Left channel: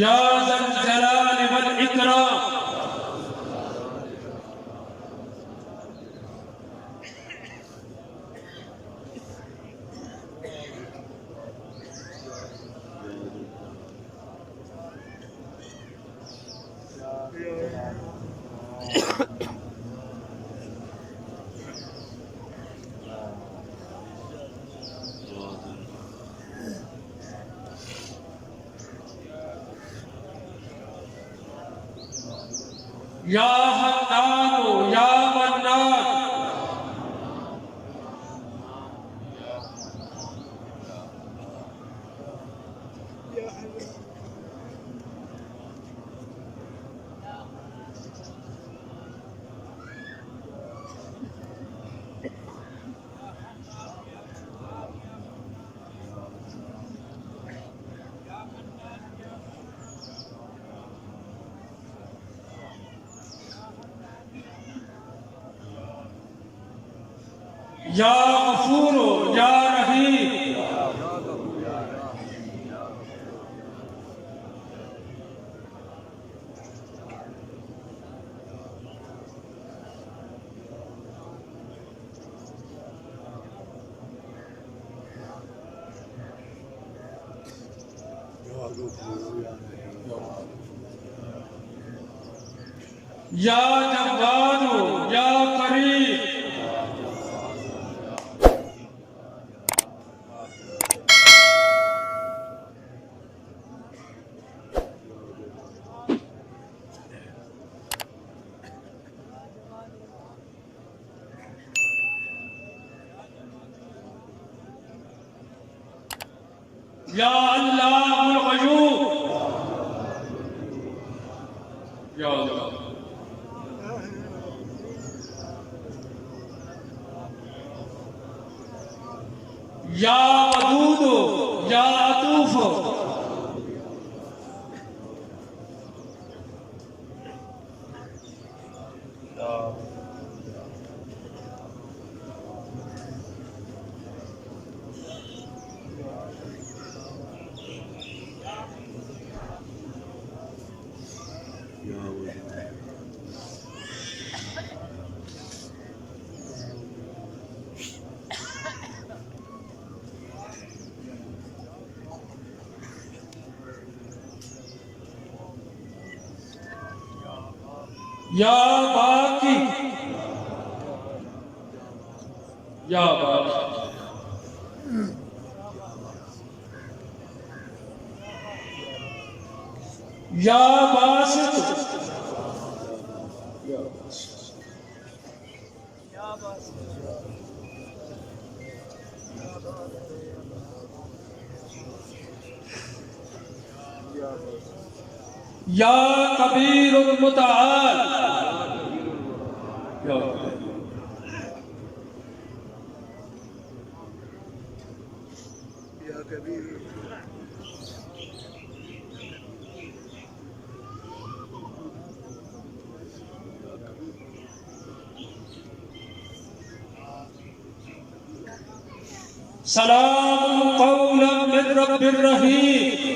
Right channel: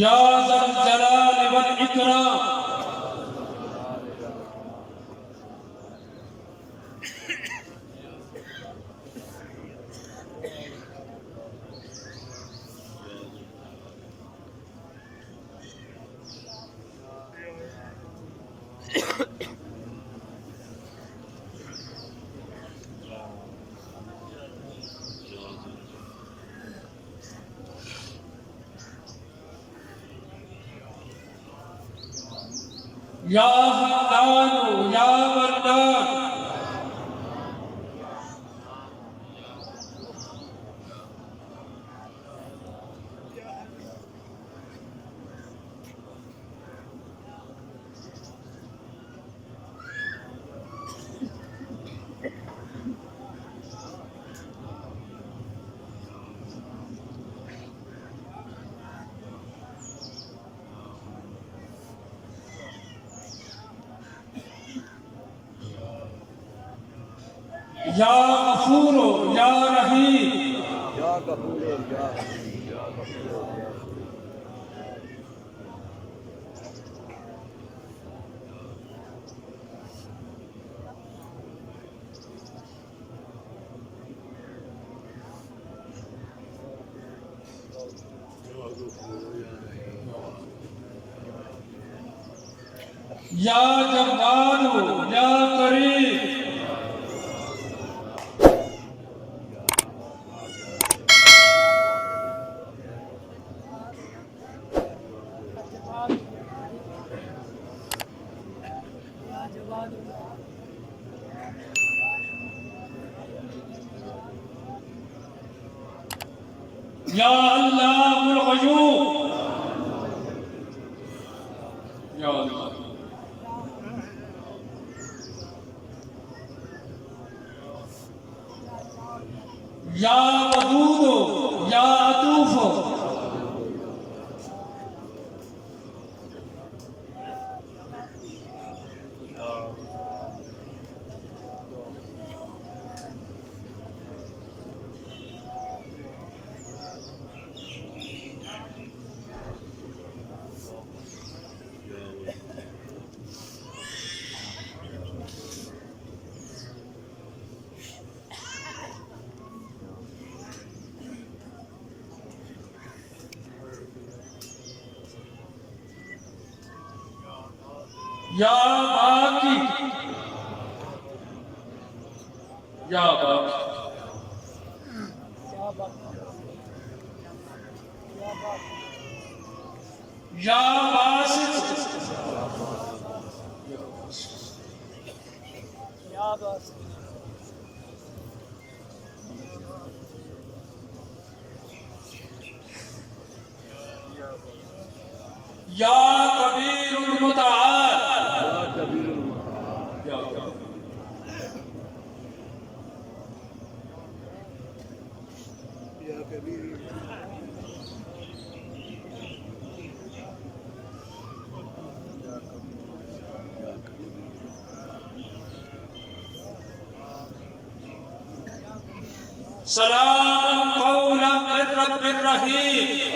या ज़ल जलाल वल इकराम। या हन्नानु या मन्नान। या गफूरो या रहीम। या जब्बारो या करीम। या अल्लाहुल गयूब। या अल्लाह। या वदूदो या अतूफो। या बाकी। या बाकी। या बासित। या कबीरुल मुतआल। या कबीर। सलाम कौलन मिन रब्बिर रहीम।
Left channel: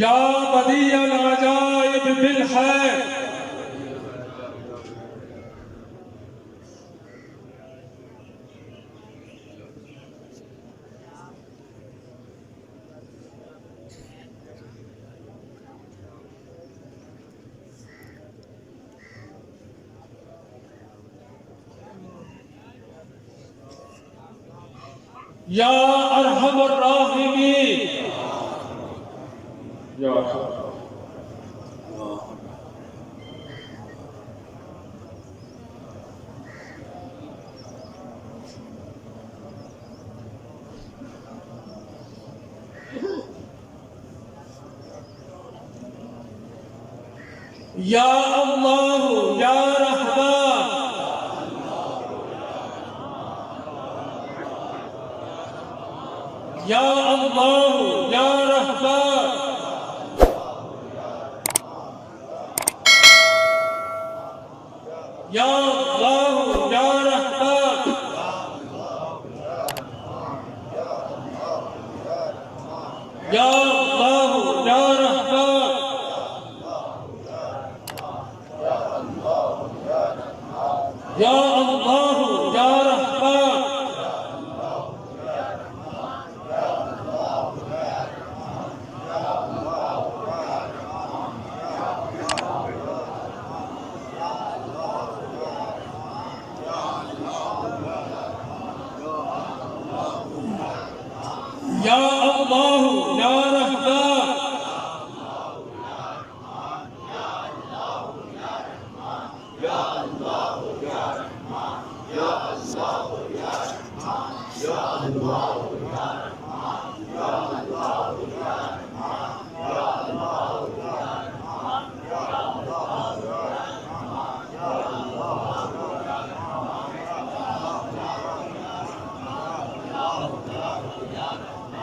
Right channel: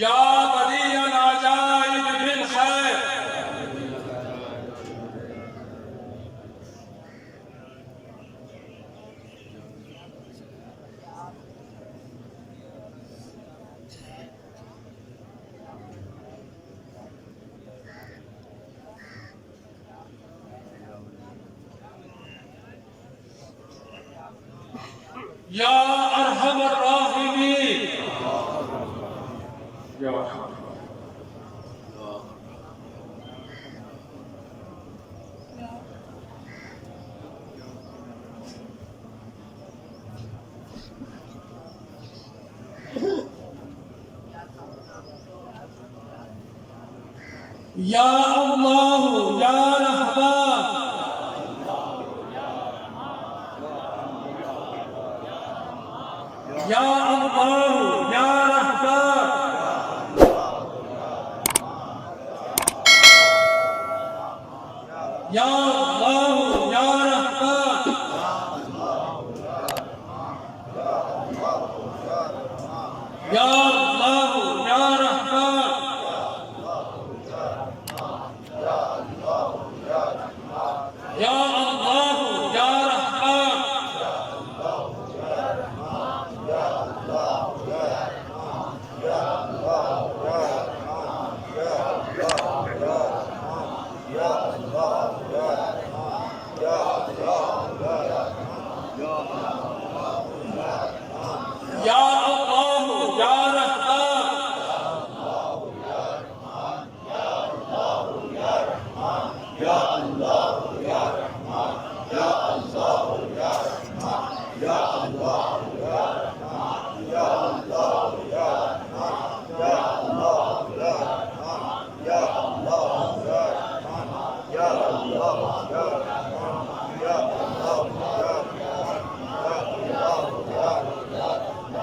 या बदीअल अजाइब बिल खैर। या अरहमर राहिमीन। या या अल्लाह या रहमान। या अल्लाह या रहमान, या अल्लाह या रहमान, या अल्लाह या रहमान, या अल्लाह या रहमान, या अल्लाह या रहमान,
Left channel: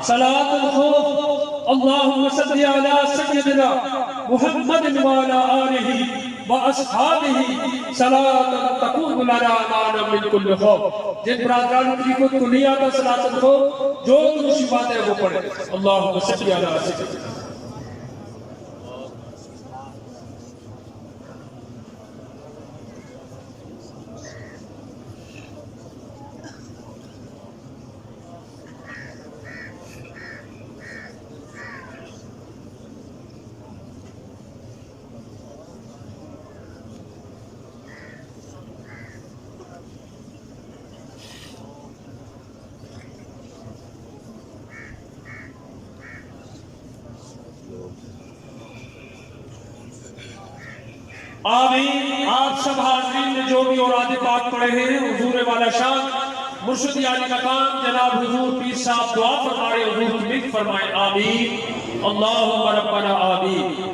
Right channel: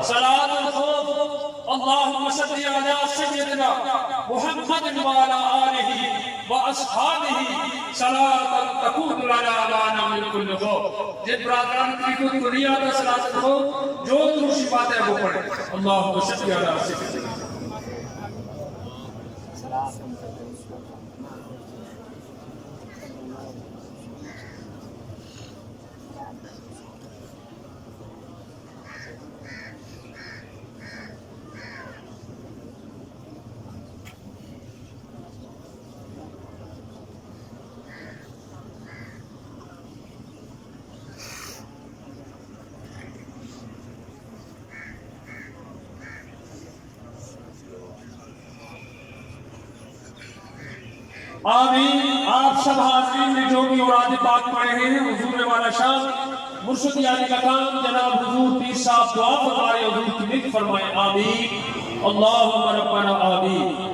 सलातुल खौफ, अल्लाहुम्मा सल्लि अला सय्यिदिना मुहम्मद व अला आलिहि व अस्हाबिहि सलातन तकूनु लना माना मिन कुल्लि खौफ। जिन बरादरान को दुनिया का सलातुल खौफ जो दूसरी बात है वो पढ़े। अल्लाहुम्मा सल्लि अला सय्यिदिना। आमीन। आप सब हाज़रीन ने जो भी औराद पाक पढ़े हैं, हुजूर वाला शान मुर्शिद यानी का काम जनाब हुजूर पीर साहब दुआ फरमाए, हुजूर की मिल्क फरमाए। आमीन। अल्लाहुम्मा रब्बना आमीन।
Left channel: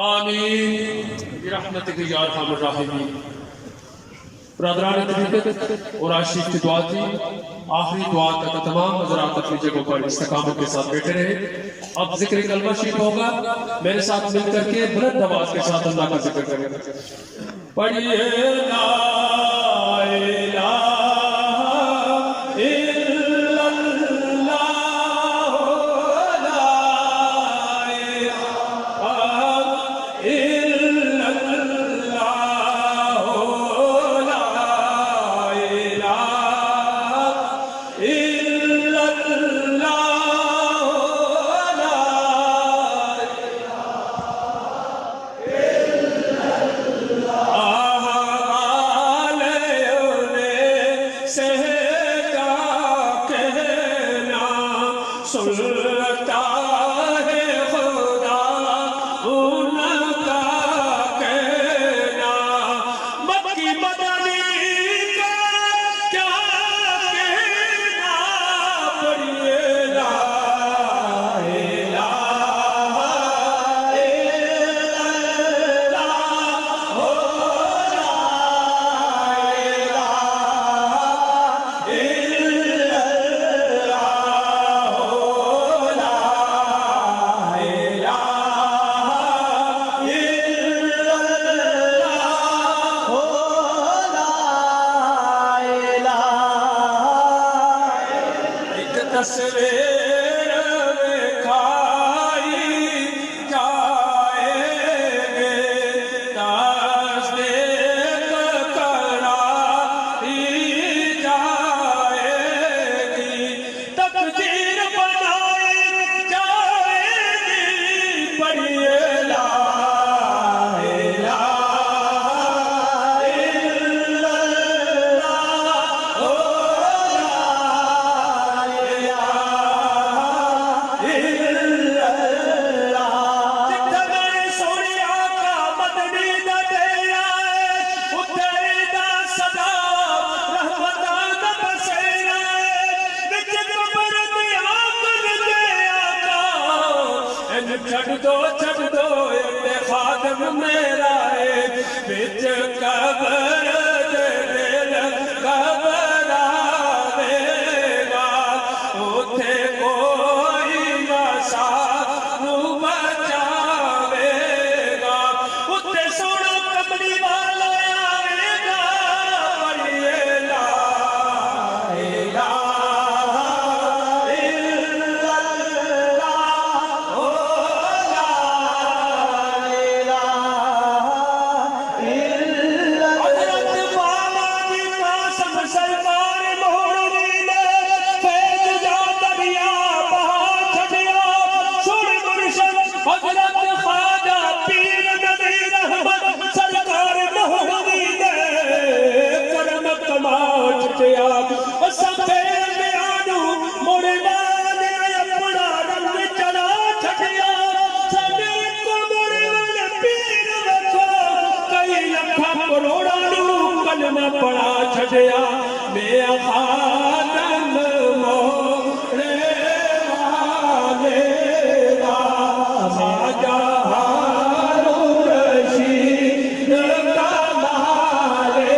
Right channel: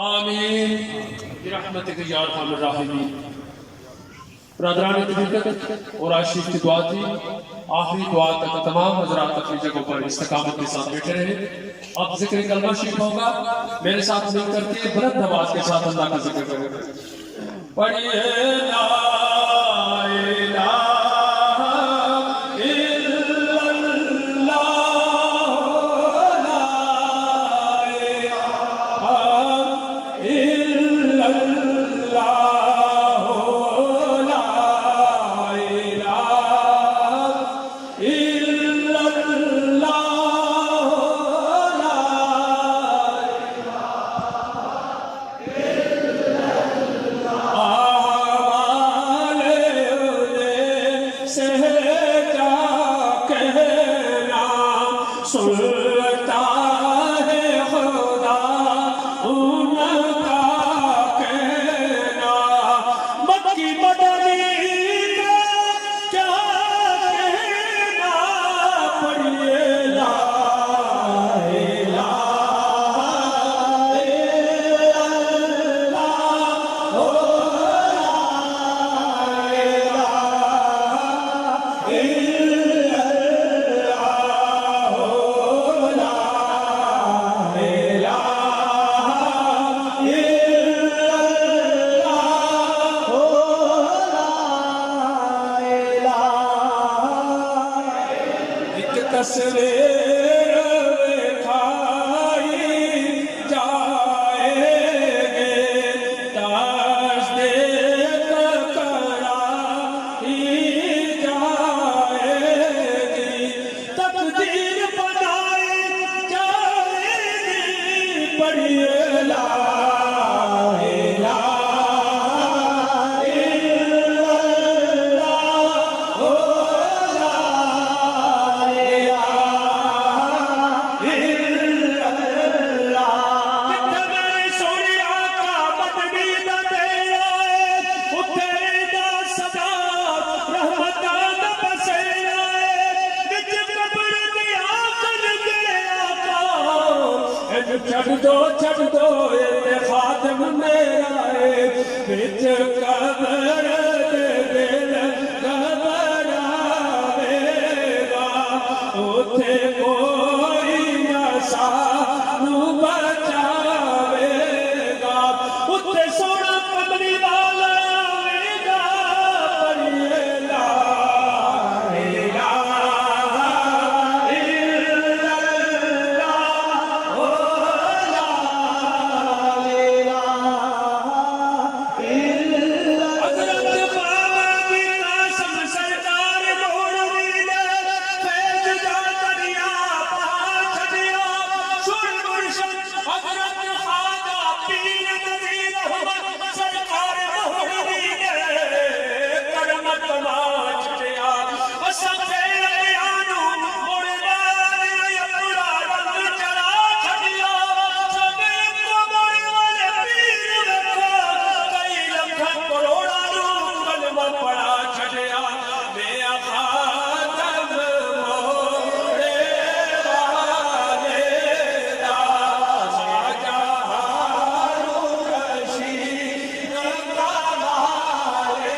आमीन बिरहमतिक या अरहमर राहिमीन। ब्रदरान तरीक़त और आशिक की दुआ थी, आखिरी दुआ तक तमाम हजरात अपनी जगहों पर इस्तिकामत के साथ बैठे रहे। अब जिक्र कलमा शरीफ होगा, मेरे साथ मिल करके बुलंद आवाज के साथ अल्लाह का जिक्र करें। पढ़िए ला इलाहा सुनता है खुदा उनका कहना, मक्की मदनी का क्या कहना। पढ़िए ला इलाहा इल्लल्लाह ओ तस्वीर खाई जाएंगे, तस्दीक कराई जाएगी, तकदीर बनाई जाएगी। पढ़िए ला छड़ दो ये खादम मेरा है, बिच कबर दे दिल घबरावेगा, उथे कोई ना सानू बचावेगा, उथे सोना कमली वाला आवेगा। पढ़िए ला पड़ा छड़िया मैं खादम मोरे वाले दा, शाहजहां रशीद कमाले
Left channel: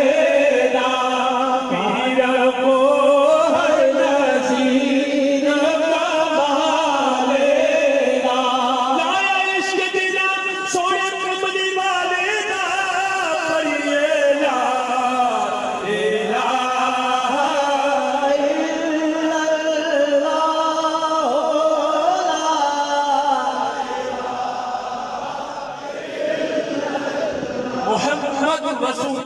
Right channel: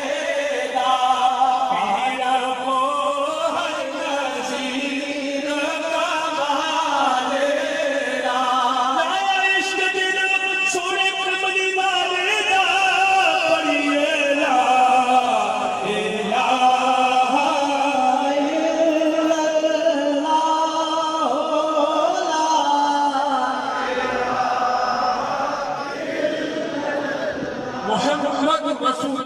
दा, पीर को हर नसीब कमाले दा, लाया इश्क बिना सोने कमली वाले दा। पढ़िए ला मोहम्मद रसूल